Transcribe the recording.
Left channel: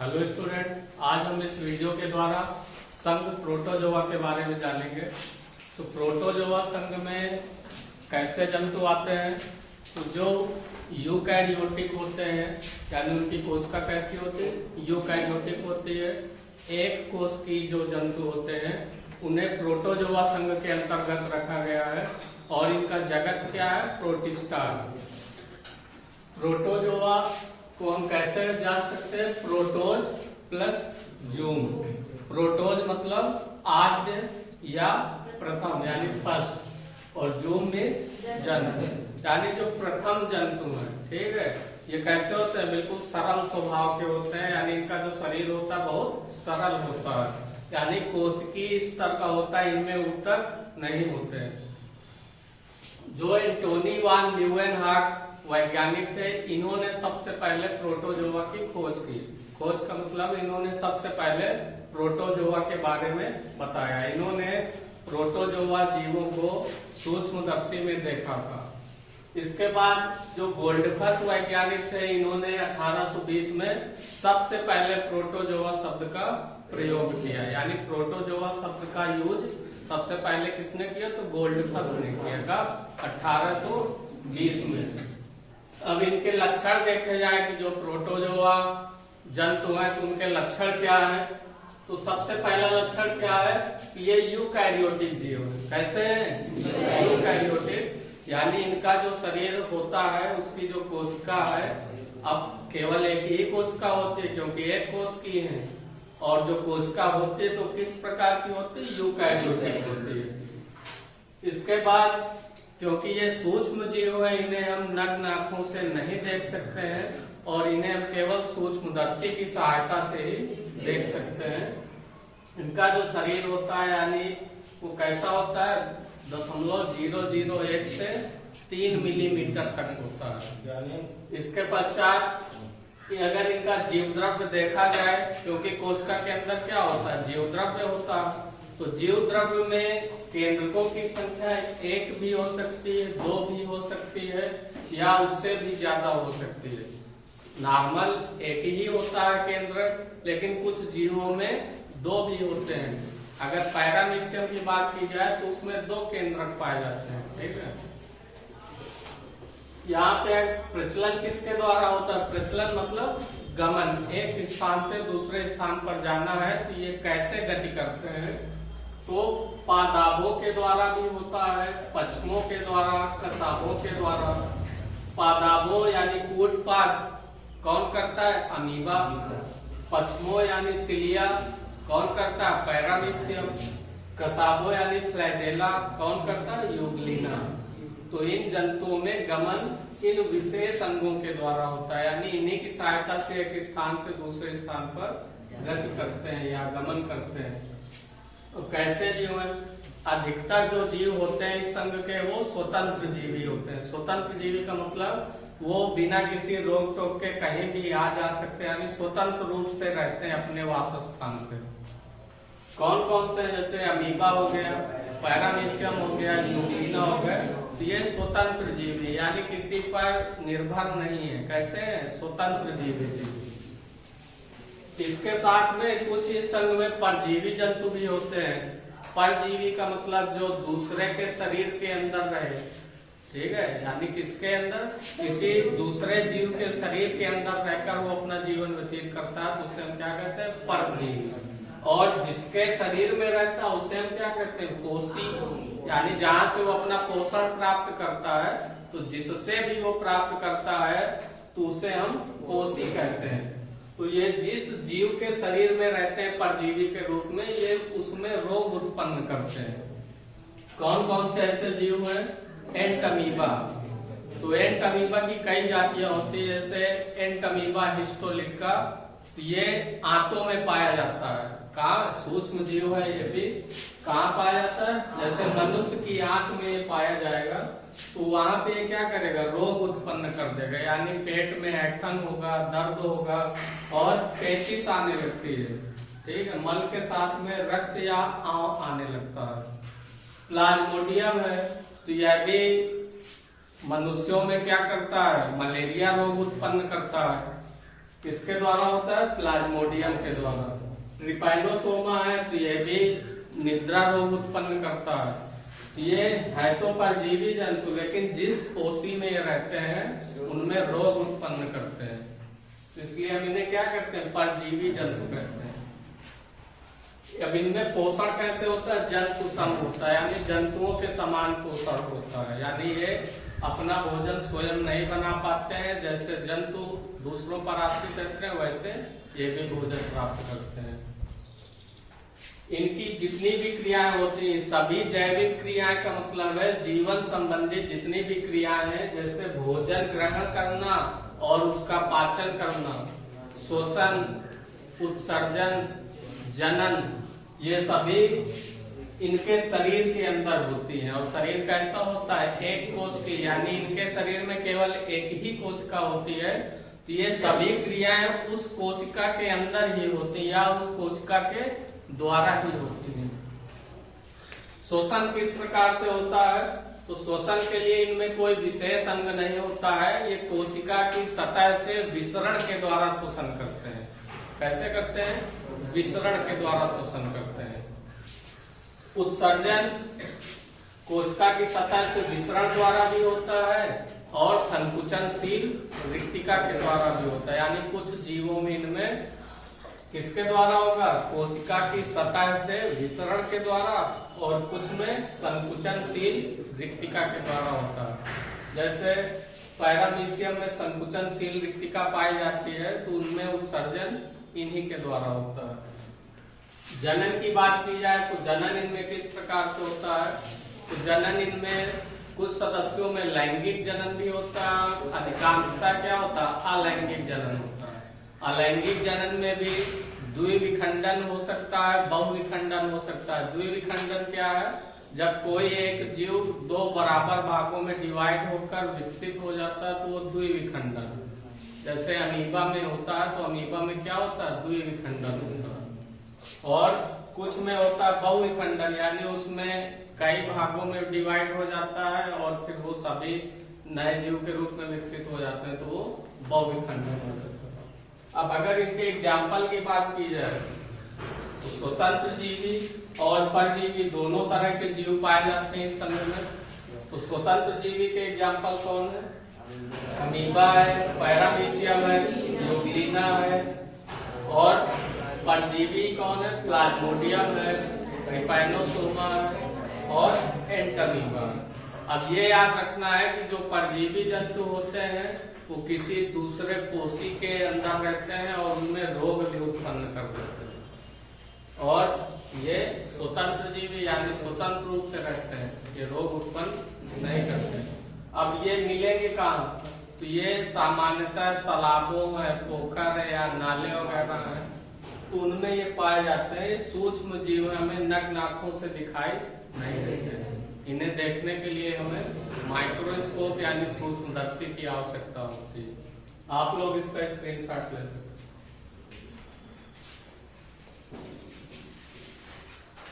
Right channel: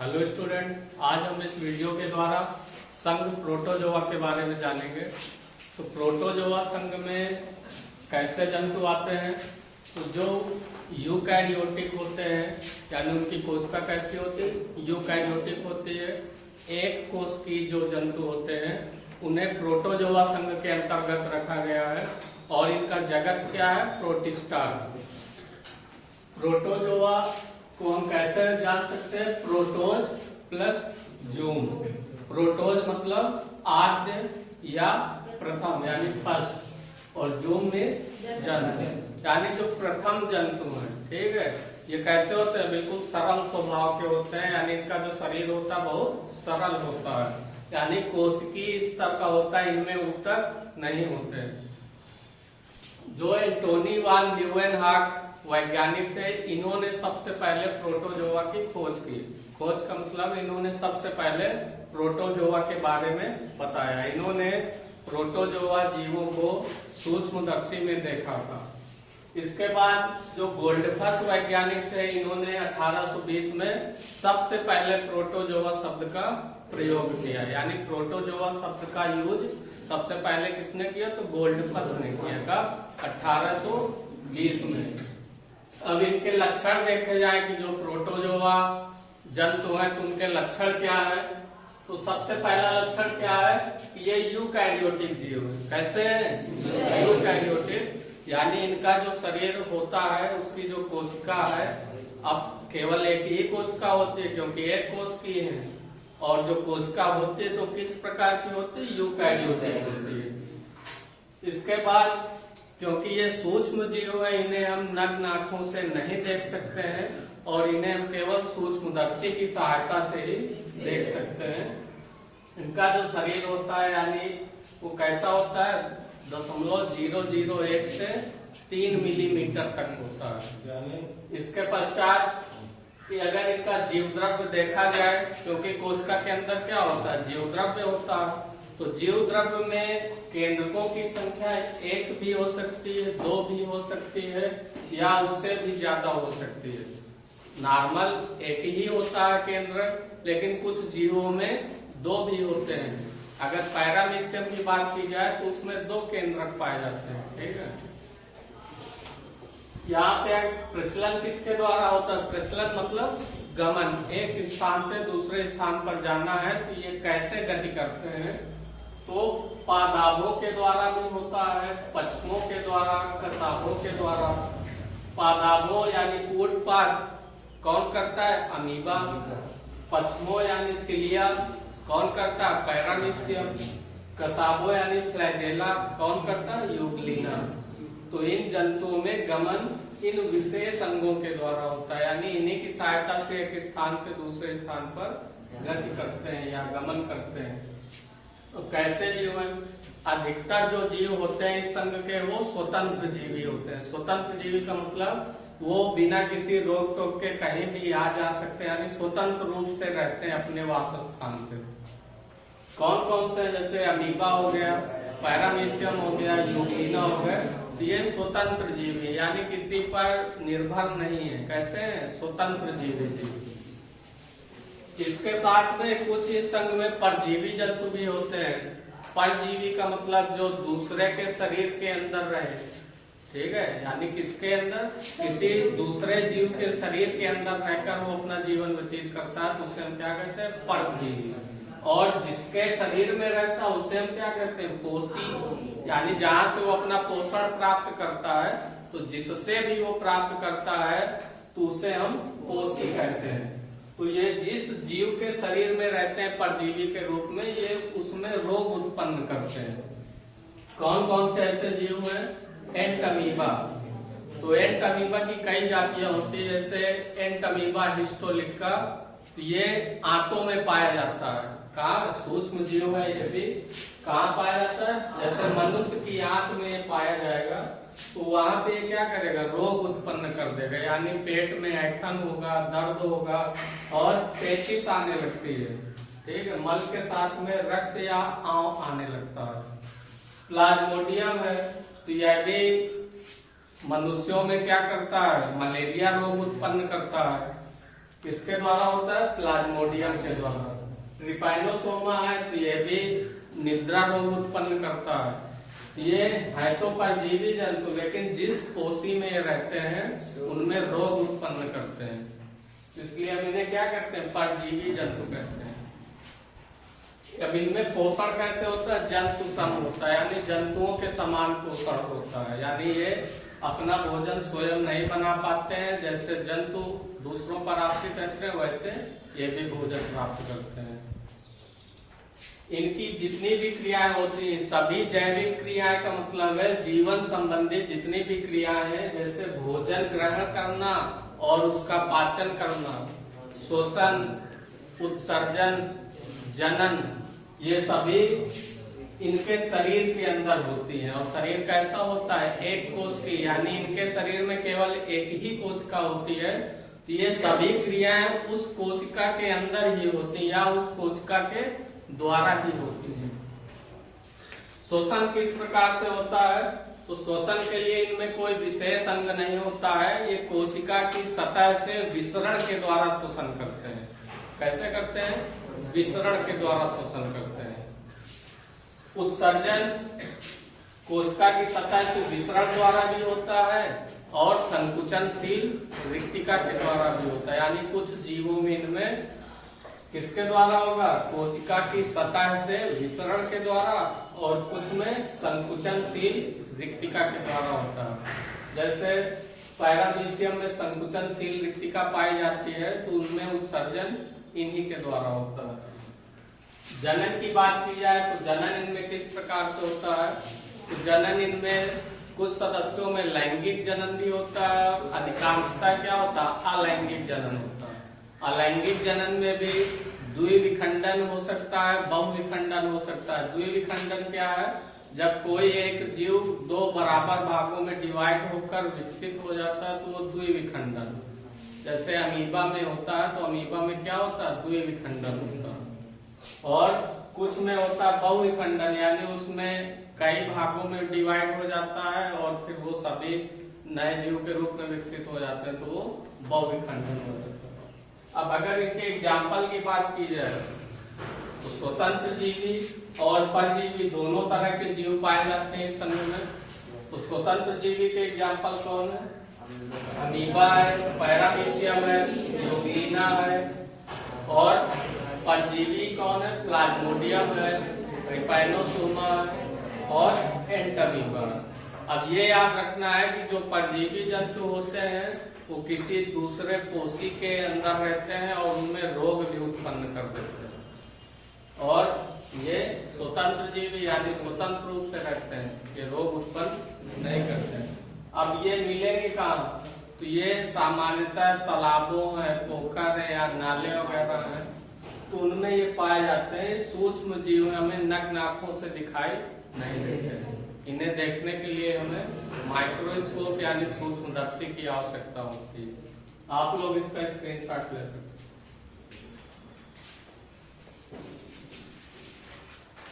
Hello student, आज हम इस वीडियो के द्वारा संघ प्रोटोजोआ के बारे में जानेंगे। तो प्रोटोजोआ संघ में कैसे जंतु आते हैं? तो जो यूकैरियोटिक होते हैं, यानी उनकी कोशिका कैसी होती है? यूकैरियोटिक होती है। एक कोष की जो जंतु होते हैं उन्हें प्रोटोजोआ संघ के अंतर्गत रखा गया है और इनका जगत क्या है? प्रोटिस्टा। प्रोटोजोआ को हम कैसे जान सकते हैं? प्रोटोज प्लस जूम। प्रोटोज मतलब आद्य या प्रथम यानी फर्स्ट, और जूम मीन्स जंतु, यानी जो प्रथम जंतु है। ठीक है, ये कैसे होते हैं? बिल्कुल सरल स्वभाव के होते हैं, यानी इनका जो शरीर होता है बहुत सरल होता है, यानी कोशिकीय स्तर का होता है, इनमें ऊतक नहीं होते। जो एंटोनी वान ल्यूवेनहॉक वैज्ञानिक थे, इन्होंने सबसे पहले प्रोटोजोआ की खोज की। खोज का मतलब इन्होंने सबसे पहले प्रोटोजोआ के बारे में बताया। इन्होंने प्रोटोजोआ जीवों को सूक्ष्मदर्शी में देखा था। इसके बाद जो गोल्डफस वैज्ञानिक थे, इन्होंने 1820 में सबसे पहले प्रोटोजोआ शब्द का प्रयोग किया, यानी प्रोटोजोआ शब्द का यूज सबसे पहले किसने किया? तो गोल्डफस ने किया था 1820 में। अब इनके लक्षण देखे जाए कि जो प्रोटोजोआ जंतु है तो उनके लक्षण क्या है? तो सबसे पहला लक्षण क्या है कि ये यूकैरियोटिक जीव है। कैसे? यूकैरियोटिक, यानी इनका जो शरीर होता है उसकी जो कोशिका है, अब केवल एक ही कोशिका होती है क्योंकि एक कोश की है, और जो कोशिका होती है तो किस प्रकार की होती है? यूकैरियोटिक होती है। इसके बाद क्योंकि ये सूक्ष्म जीव है, इन्हें हम नग्न आंखों से नहीं देख सकते हैं और इन्हें हम केवल सूक्ष्मदर्शी की सहायता से ही देख सकते हैं। इनका जो शरीर होता है यानी वो कैसा होता है? 0.001 से 3 मिलीमीटर तक होता है। इसके पश्चात कि अगर इनका जीव द्रव्य देखा जाए, क्योंकि कोशिका के अंदर क्या होता है? जीव द्रव्य होता है। तो जीव द्रव्य में केंद्रकों की संख्या 1 भी हो सकती है, 2 भी हो सकती है, या उससे भी ज्यादा हो सकती है। नॉर्मल एक ही होता है केंद्र, लेकिन कुछ जीवों में 2 भी होते हैं। अगर पैरामीशियम की बात की जाए तो उसमें 2 केंद्रक पाए जाते हैं। ठीक है, यहाँ पे प्रचलन किसके द्वारा होता है? प्रचलन मतलब गमन, एक स्थान से दूसरे स्थान पर जाना है, तो ये कैसे गति करते हैं? तो पादाभों के द्वारा भी होता है, पक्षमों के द्वारा, कसाबों के द्वारा। पादाभों यानी कूटपाद कौन करता है? अमीबा। पक्षमों यानी सिलिया कौन करता है? पैरामीशियम। कसाबों यानी फ्लैजेला कौन करता है? यूग्लिना। तो इन जंतुओं में गमन इन विशेष अंगों के द्वारा होता है, यानी इन्हीं की सहायता से एक स्थान से दूसरे स्थान पर गति करते हैं या गमन करते हैं। तो कैसे जीव है? अधिकतर जो जीव होते हैं इस संघ के वो स्वतंत्र जीवी होते हैं। स्वतंत्र जीवी का मतलब वो बिना किसी रोक टोक के कहीं भी आ जा सकते हैं, यानी स्वतंत्र रूप से रहते हैं अपने वासस्थान पे। कौन कौन से? जैसे अमीबा हो गया, पैरामीशियम हो गया, यूग्लिना हो गया, ये स्वतंत्र जीवी यानी किसी पर निर्भर नहीं है। कैसे? स्वतंत्र जीवी। इसके साथ में कुछ इस संघ में परजीवी जंतु भी होते हैं। परजीवी का मतलब जो दूसरे के शरीर के अंदर रहे। ठीक है, यानी किसके अंदर? किसी दूसरे जीव के शरीर के अंदर रहकर वो अपना जीवन व्यतीत करता है, तो उसे हम क्या कहते हैं? परजीवी। और जिसके शरीर में रहता है उसे हम क्या कहते हैं? पोषी, यानी जहाँ से वो अपना पोषण प्राप्त करता है, तो जिससे भी वो प्राप्त करता है तो उसे हम पोषी कहते हैं। तो ये जिस जीव के शरीर में रहते हैं परजीवी के रूप में, ये उसमें रोग उत्पन्न करते हैं। कौन कौन से ऐसे जीव हैं? एंटमीबा। तो एंटमीबा की कई जातियां होती है, जैसे एंटमीबा हिस्टोलिका, ये आंतों में पाया जाता है। कहाँ? सूक्ष्म जीव है ये भी। कहाँ पाया जाता है? जैसे मनुष्य की आंख में पाया जाएगा, तो वहां पे क्या करेगा? रोग उत्पन्न कर देगा, यानी पेट में ऐंठन होगा, दर्द होगा और पेचिश आने लगती है। ठीक है, मल के साथ में रक्त या आंव आने लगता है। प्लाज्मोडियम है, तो यह भी मनुष्यों में क्या करता है? मलेरिया रोग उत्पन्न करता है। किसके द्वारा होता है? प्लाज्मोडियम के द्वारा। ट्रिपाइनोसोमा है तो ये भी निद्रा रोग उत्पन्न करता है। ये है तो परजीवी जंतु, लेकिन जिस पोषी में ये रहते हैं उनमें रोग उत्पन्न करते हैं, तो इसलिए हम इन्हें क्या कहते हैं? परजीवी जंतु कहते हैं। अब इनमें पोषण कैसे होता है? जंतु सम होता है, यानी जंतुओं के समान पोषण होता है, यानी ये अपना भोजन स्वयं नहीं बना पाते हैं। जैसे जंतु दूसरों पर आश्रित रहते हैं, वैसे ये भी भोजन प्राप्त करते हैं। इनकी जितनी भी क्रियाएं होती हैं, सभी जैविक क्रियाएं का मतलब है जीवन संबंधी जितनी भी क्रियाएं हैं, जैसे भोजन ग्रहण करना और उसका पाचन करना, शोषण, उत्सर्जन, जनन, ये सभी इनके शरीर के अंदर होती हैं। और शरीर कैसा होता है? एक कोश की, यानी इनके शरीर में केवल एक ही कोशिका होती है। तो ये सभी क्रियाएं उस कोशिका के अंदर ही होती हैं या उस कोशिका के द्वारा ही होती है। शोषण किस प्रकार से होता है? तो शोषण के लिए इनमें कोई विशेष अंग नहीं होता है, ये कोशिका की सतह से विसरण के द्वारा शोषण करते हैं। कैसे करते हैं? विसरण के द्वारा शोषण करते हैं। उत्सर्जन कोशिका की सतह से विसरण द्वारा भी होता है और संकुचनशील रिक्तिका के द्वारा भी होता है, यानी कुछ जीवों में इनमें किसके द्वारा होगा? कोशिका की सतह से विसरण के द्वारा, और कुछ में संकुचनशील रिक्तिका के द्वारा होता है। जैसे पैरामीशियम में संकुचनशील रिक्तिका पाई जाती है, तो उनमें उत्सर्जन इन्हीं के द्वारा होता है। जनन की बात की जाए तो जनन इनमें किस प्रकार से होता है? तो जनन इनमें कुछ सदस्यों में लैंगिक जनन भी होता है, अधिकांशतः क्या होता है? अलैंगिक जनन होता है। अलैंगिक जनन में भी द्विविखंडन हो सकता है, बहुविखंडन हो सकता है। द्विविखंडन क्या है? जब कोई एक जीव दो बराबर भागों में डिवाइड होकर विकसित हो जाता है तो वो द्विविखंडन। जैसे अमीबा में होता है, तो अमीबा में क्या होता है? द्विविखंडन होता है। और कुछ में होता है बहुविखंडन, यानी उसमें कई भागों में डिवाइड हो जाता है और फिर वो सभी नए जीव के रूप में विकसित हो जाते हैं, तो वो बहुविखंडन हो जाता है। अब अगर इसके एग्जाम्पल की बात की जाए तो स्वतंत्र जीवी और परजीवी दोनों तरह के जीव पाए जाते हैं इस समूह में। तो स्वतंत्र जीवी के एग्जाम्पल कौन है? अमीबा है, पैरामीशियम है, यूग्लिना है। और परजीवी कौन है? प्लाज्मोडियम है, ट्रिपाइनोसोमा है और एंटमीबा। अब ये याद रखना है कि जो परजीवी जंतु होते हैं वो किसी दूसरे पोषी के अंदर रहते हैं और उनमें रोग भी उत्पन्न कर देते हैं, और ये स्वतंत्र जीवी यानी स्वतंत्र रूप से रहते हैं, ये रोग उत्पन्न नहीं करते हैं। अब ये मिलेंगे कहाँ? तो ये सामान्यतः तालाबों में, पोखर है या नाले वगैरह है, तो उनमें ये पाए जाते हैं। सूक्ष्म जीव हमें नग्न आंखों से दिखाई नहीं देते। इन्हें देखने के लिए हमें माइक्रोस्कोप यानी सूक्ष्मदर्शी की आवश्यकता होती है। आप लोग इसका स्क्रीनशॉट ले सकते हैं।